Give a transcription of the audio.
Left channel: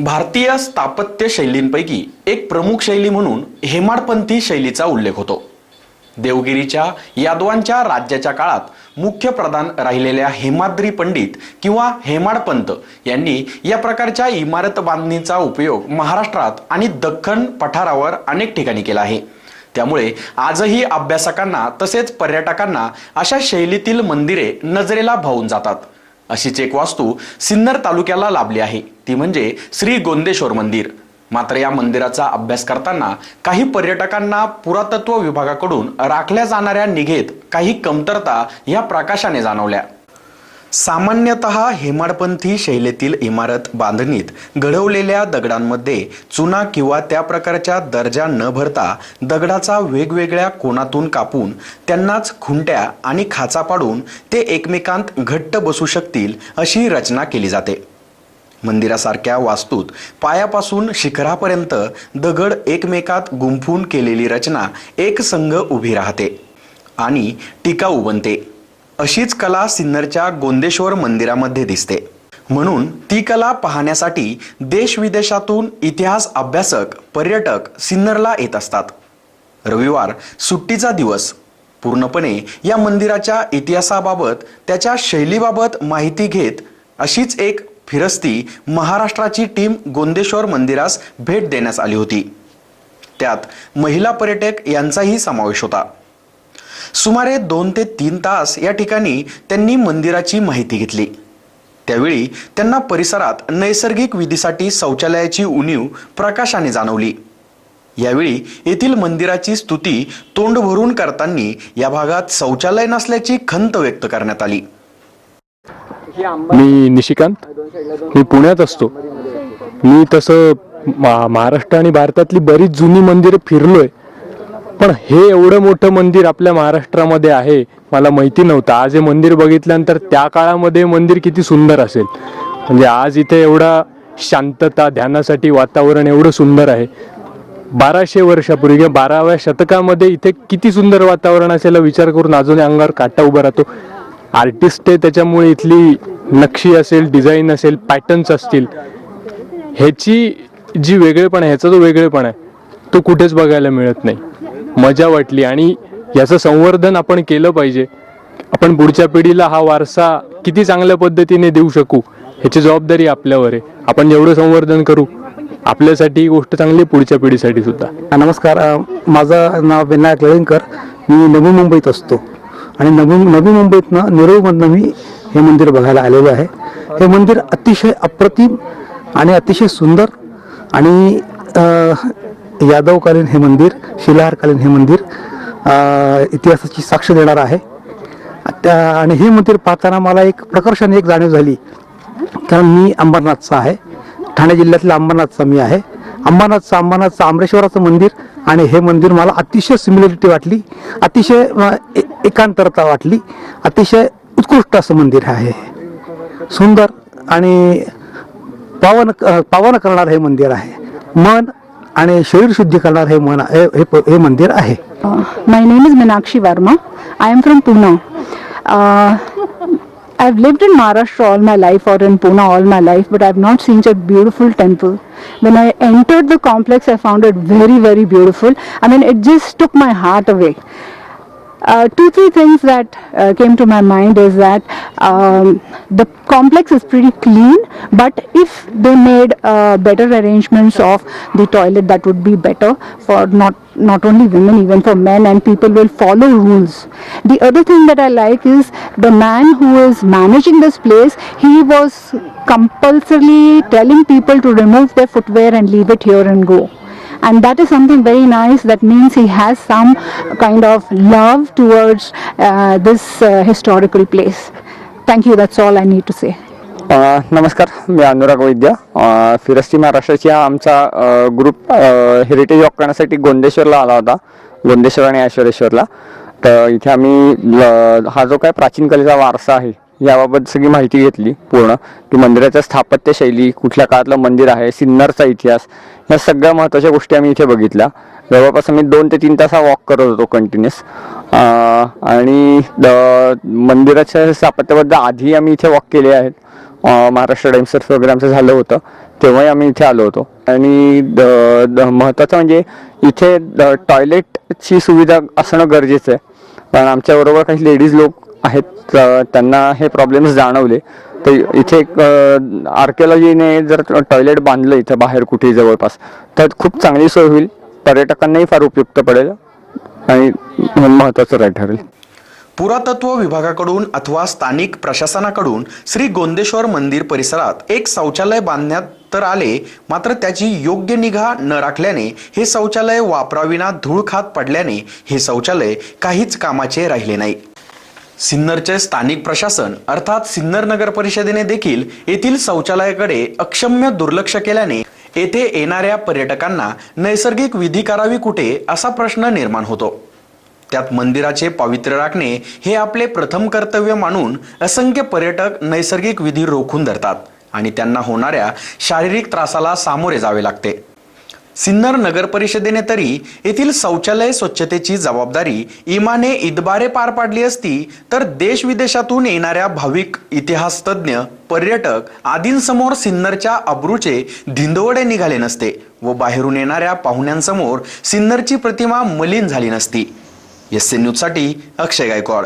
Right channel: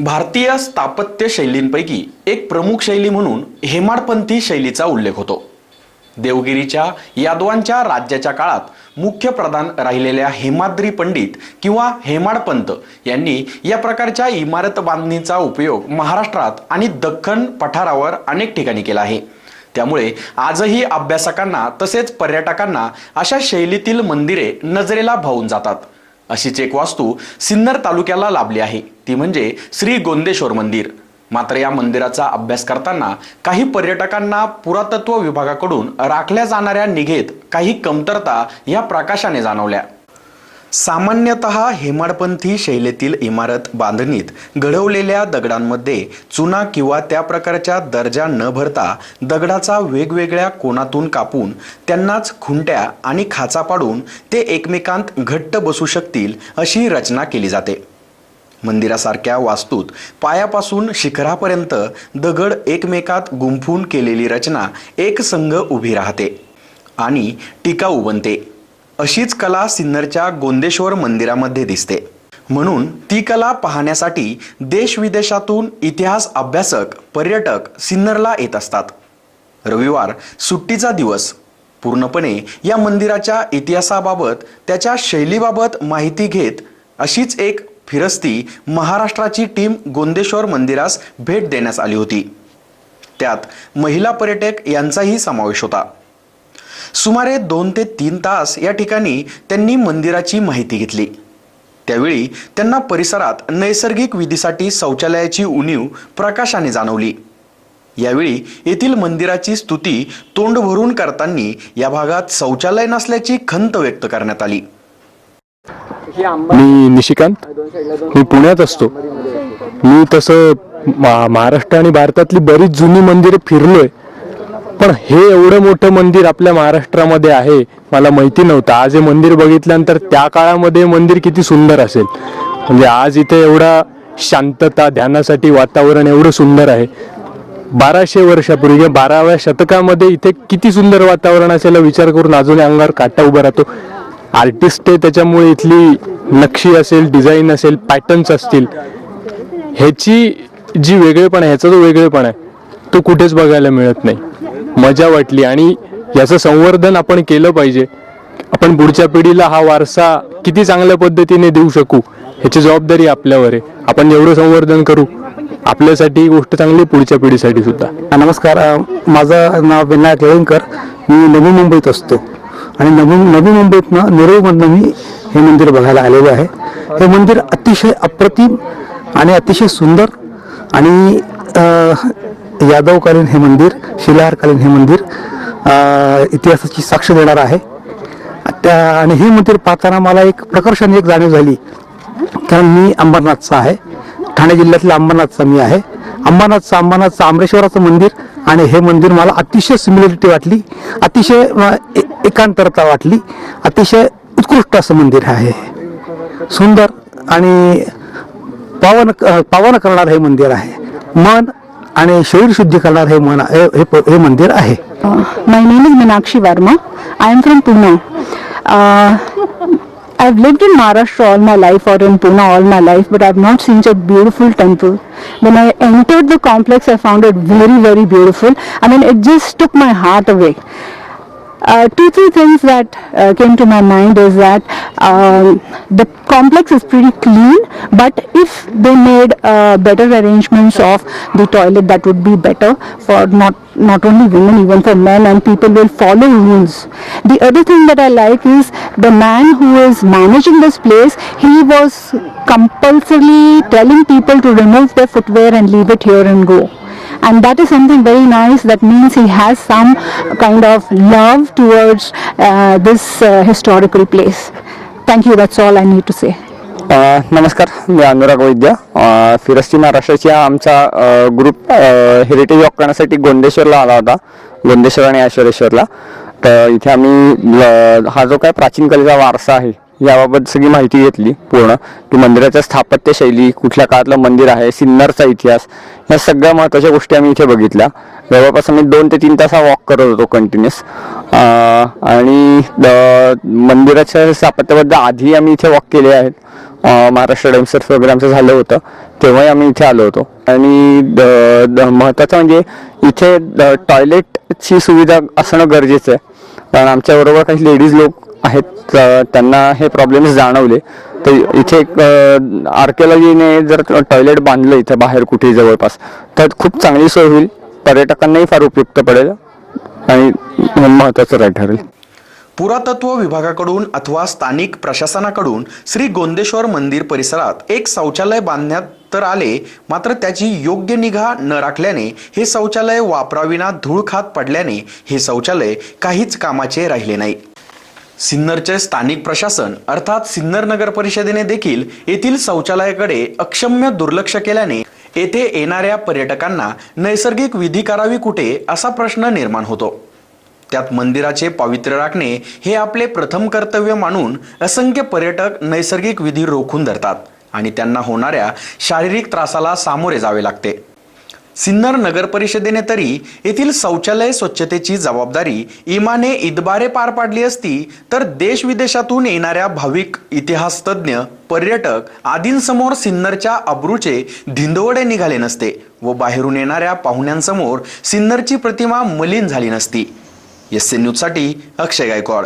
भारतीय स्थापत्य शैलींपैकी एक प्रमुख शैली म्हणून हेमाडपंथी शैलीचा उल्लेख होतो. देवगिरीच्या यादवांच्या राज्याच्या काळात मुख्य प्रधान राहिलेल्या हेमाद्री पंडित किंवा हेमाडपंत यांनी या प्रकारच्या इमारत बांधणीचा उपयोग महाराष्ट्रात आणि दख्खन पठारावर अनेक ठिकाणी केला आहे. त्यामुळे आजही अभ्यासकांना तसेच पर्यटकांना अशा शैलीतील मंदिरे नजरेला भावून जातात. अशीच एक वास्तू सिन्नर तालुक्याला लाभली आहे. ती म्हणजे श्री गोंदेश्वर मंदिर. मात्र या मंदिराचा अभ्यास करताना काही पर्यटकांना पुरातत्व विभागाकडून राखल्या जाणाऱ्या निघेत काही कमतरता या प्रकाशाने जाणवल्या. सामान्यतः हेमाडपंथी शैलीतील इमारत बांधणीत घडवलेल्या दगडांमध्ये चुना किंवा त्या प्रकारच्या दर्जा न भरता दगडाचा वेगवेगळ्या कोनातून कापून त्यांनाच खुंट्या आणि खाचा पाडून ते एकमेकांत घट्ट बसू शकतील अशी रचना केली जाते. मंदिरासारख्या वास्तूत पायापासून शिखरापर्यंत दगड एकमेकात गुंफून केलेली रचना एक संघ उभी राहते आणि टिकाऊ बनते अशीच कला सिन्नरच्या गोंदेश्वर मंदिरामध्ये दिसते. म्हणून ती कला पाहण्यासाठी देश विदेशातून इतिहास अभ्यासक पर्यटक सिन्नरला येत असतात. रविवार सुट्टीचा दिवस. पूर्णपणे या मंदिराच्या इतिहासाबाबत त्याच्या शैलीबाबत माहिती घेत अशीच एक फिरस्ती महाराष्ट्राची टीम गोंदेश्वर मंदिरास भेट देण्यास आली होती. त्यात महिला पर्यटक यांचाही समावेश होता. सुमारे दोन ते तीन तास या ठिकाणी त्यांनी मंदिराची माहिती घेतली. त्यावेळी त्यांना परिसरात नैसर्गिक विधीसाठी शौचालयाची उणीव प्रकाशाने जाणवली. यावेळी येथील मंदिराची स्तुती तोंड भरून करताना या भागात शौचालय नसल्याची खंत व्यक्त करण्यात आली. मी निशिकांत. मी पुण्यात असतो. मी तसं महाराष्ट्र आणि भारतातली बरीच जुनी मंदिरं फिरलोय. पण हे एवढं मोठं मंदिर आपल्या महाराष्ट्रामध्ये आहे मला माहिती नव्हतं. आज हे मंदिर बघितल्यानंतर त्या काळामध्ये मंदिर किती सुंदर असेल. म्हणजे आज इथे एवढा शांतता ध्यानासाठी वातावरण एवढं सुंदर आहे. बाराशे वर्षापूर्वी किंवा बाराव्या शतकामध्ये इथे किती सुंदर वातावरण असेल विचार करून अजून अंगावर काटा उभा राहतो. आर्टिस्ट आहे त्याच्यामुळे इथली नक्षी असेल डिझाईन असेल पॅटर्न्स असतील. ह्याची जी वेगळेपण आहे ह्याचा जो वेगळेपण आहे तो कुठेच बघायला मिळत नाही. मजा वाटली आणि याचं संवर्धन आपण केलं पाहिजे. आपण पुढच्या पिढीला हा वारसा किती चांगल्या पद्धतीने देऊ शकू ह्याची जबाबदारी आपल्यावर आहे. आपण जेवढं संवर्धन करू आपल्यासाठी ही गोष्ट चांगली आहे, पुढच्या पिढीसाठी सुद्धा. नमस्कार माझं नाव विनायक लळींकर. मी नवी मुंबईत असतो. आणि नवी नवी मुंबईतनं नेरूळमधनं मी हे मंदिर बघायला आलेलो आहे. हे मंदिर अतिशय अप्रतिम आणि अतिशय सुंदर आणि यादवकालीन हे मंदिर शिलाहारकालीन हे मंदिर इतिहासाची साक्ष देणार आहे. त्या आणि हे मंदिर पाहताना मला एक प्रकर्षाने एक जाणीव झाली. कारण मी अंबरनाथचा आहे. ठाणे जिल्ह्यातल्या अंबरनाथचा मी आहे. अंबरनाथचं अंबरनाथचं आमरेश्वराचं मंदिर आणि हे मंदिर मला अतिशय सिमिलरिटी वाटली. अतिशय एकांतरता वाटली. अतिशय उत्कृष्ट असं मंदिर आहे. सुंदर आणि पावन पावन करणारं हे मंदिर आहे. मन आणि शरीर शुद्धी करणार हे मन हे हे- हे मंदिर आहे My name is Meenakshi Verma. I am from Pune. Uh, I've lived in Maharashtra all my life or in Pune all my life, but I've not seen such a beautiful temple. When I entered the complex, I found it very, very beautiful. I mean, it just took my heart away. Uh, two, three things that uh, came to my mind is that um, the complex is pretty clean, but if they made uh, better arrangements of the toilet, that would be better for not not only women, even for men, and people will follow rules. The other thing that I like is the man who is managing this place. He was compulsorily telling people to remove their footwear and leave it here and go and that is something very nice that means he has some kind of love towards uh, this uh, historical place thank you that's all i need to say नमस्कार मी अनुराग वैद्य अ, फिरस्ती महाराष्ट्राची हा आमचा group heritage walk करण्यासाठी गोंदेश्वरला आला होता गोंदेश्वर आणि ऐश्वरेश्वरला तर इथे आम्ही हा जो काय प्राचीन कलेचा वारसा आहे याबाबत सगळी माहिती घेतली पूर्ण. की मंदिराच्या स्थापत्यशैली कुठल्या काळातलं मंदिर आहे सिन्नरचा इतिहास या सगळ्या महत्त्वाच्या गोष्टी आम्ही इथे बघितल्या. जवळपास आम्ही दोन ते तीन तास वॉक करत होतो कंटिन्युअस आणि द- मंदिराच्या स्थापत्याबद्दल आधी आम्ही इथे वॉक केले आहेत. महाराष्ट्र टाइम्स वगैरे आमचं झालं होतं. तेव्हाही आम्ही इथे आलो होतो. आणि द- द- महत्त्वाचं म्हणजे इथे द- टॉयलेटची सुविधा असणं गरजेचं आहे. कारण आमच्याबरोबर काही लेडीज लोक आहेत त्यांना हे प्रॉब्लेम्स जाणवले. तर इथे एक आर्किओलॉजीने जर टॉयलेट बांधलं इथं बाहेर कुठेही जवळपास तर खूप चांगली सोय होईल. पर्यटकांनाही फार उपयुक्त पडेल आणि महत्त्वाचं राय ठरेल. पुरातत्व विभागाकडून अथवा स्थानिक प्रशासनाकडून श्री गोंदेश्वर मंदिर परिसरात एक शौचालय बांधण्यात तर आले मात्र त्याची योग्य निगा न राखल्याने हे शौचालय वापराविना धूळ खात पडल्याने हे शौचालय काहीच कामाचे राहिले नाही. सिन्नरचे स्थानिक प्रशासन अर्थात सिन्नर नगर परिषदेने देखील येथील शौचालयाकडे अक्षम्य दुर्लक्ष केल्याने येथे येणाऱ्या पर्यटकांना नैसर्गिक विधी करावी कुठे असा प्रश्न निर्माण होतो. त्यात मंदिराचे पावित्र्य राखणे हे आपले प्रथम कर्तव्य मानून असंख्य पर्यटक नैसर्गिक विधी रोखून धरतात. आणि त्यांना होणाऱ्या शारीरिक त्रासाला सामोरे जावे लागते. सिन्नर नगर परिषदेने तरी येथील शौचालय स्वच्छतेची जबाबदारी इमाने इदबारे पार पाडली असती तर देश विदेशातून येणाऱ्या भाविक इतिहासतज्ञ पर्यटक आदींसमोर सिन्नरच्या अब्रूचे धिंदवडे निघाले नसते व बाहेरून येणाऱ्या पाहुण्यांसमोर सिन्नरची प्रतिमा मलिन झाली नसती. एस न्यूजसाठी अक्षय गायकवाड.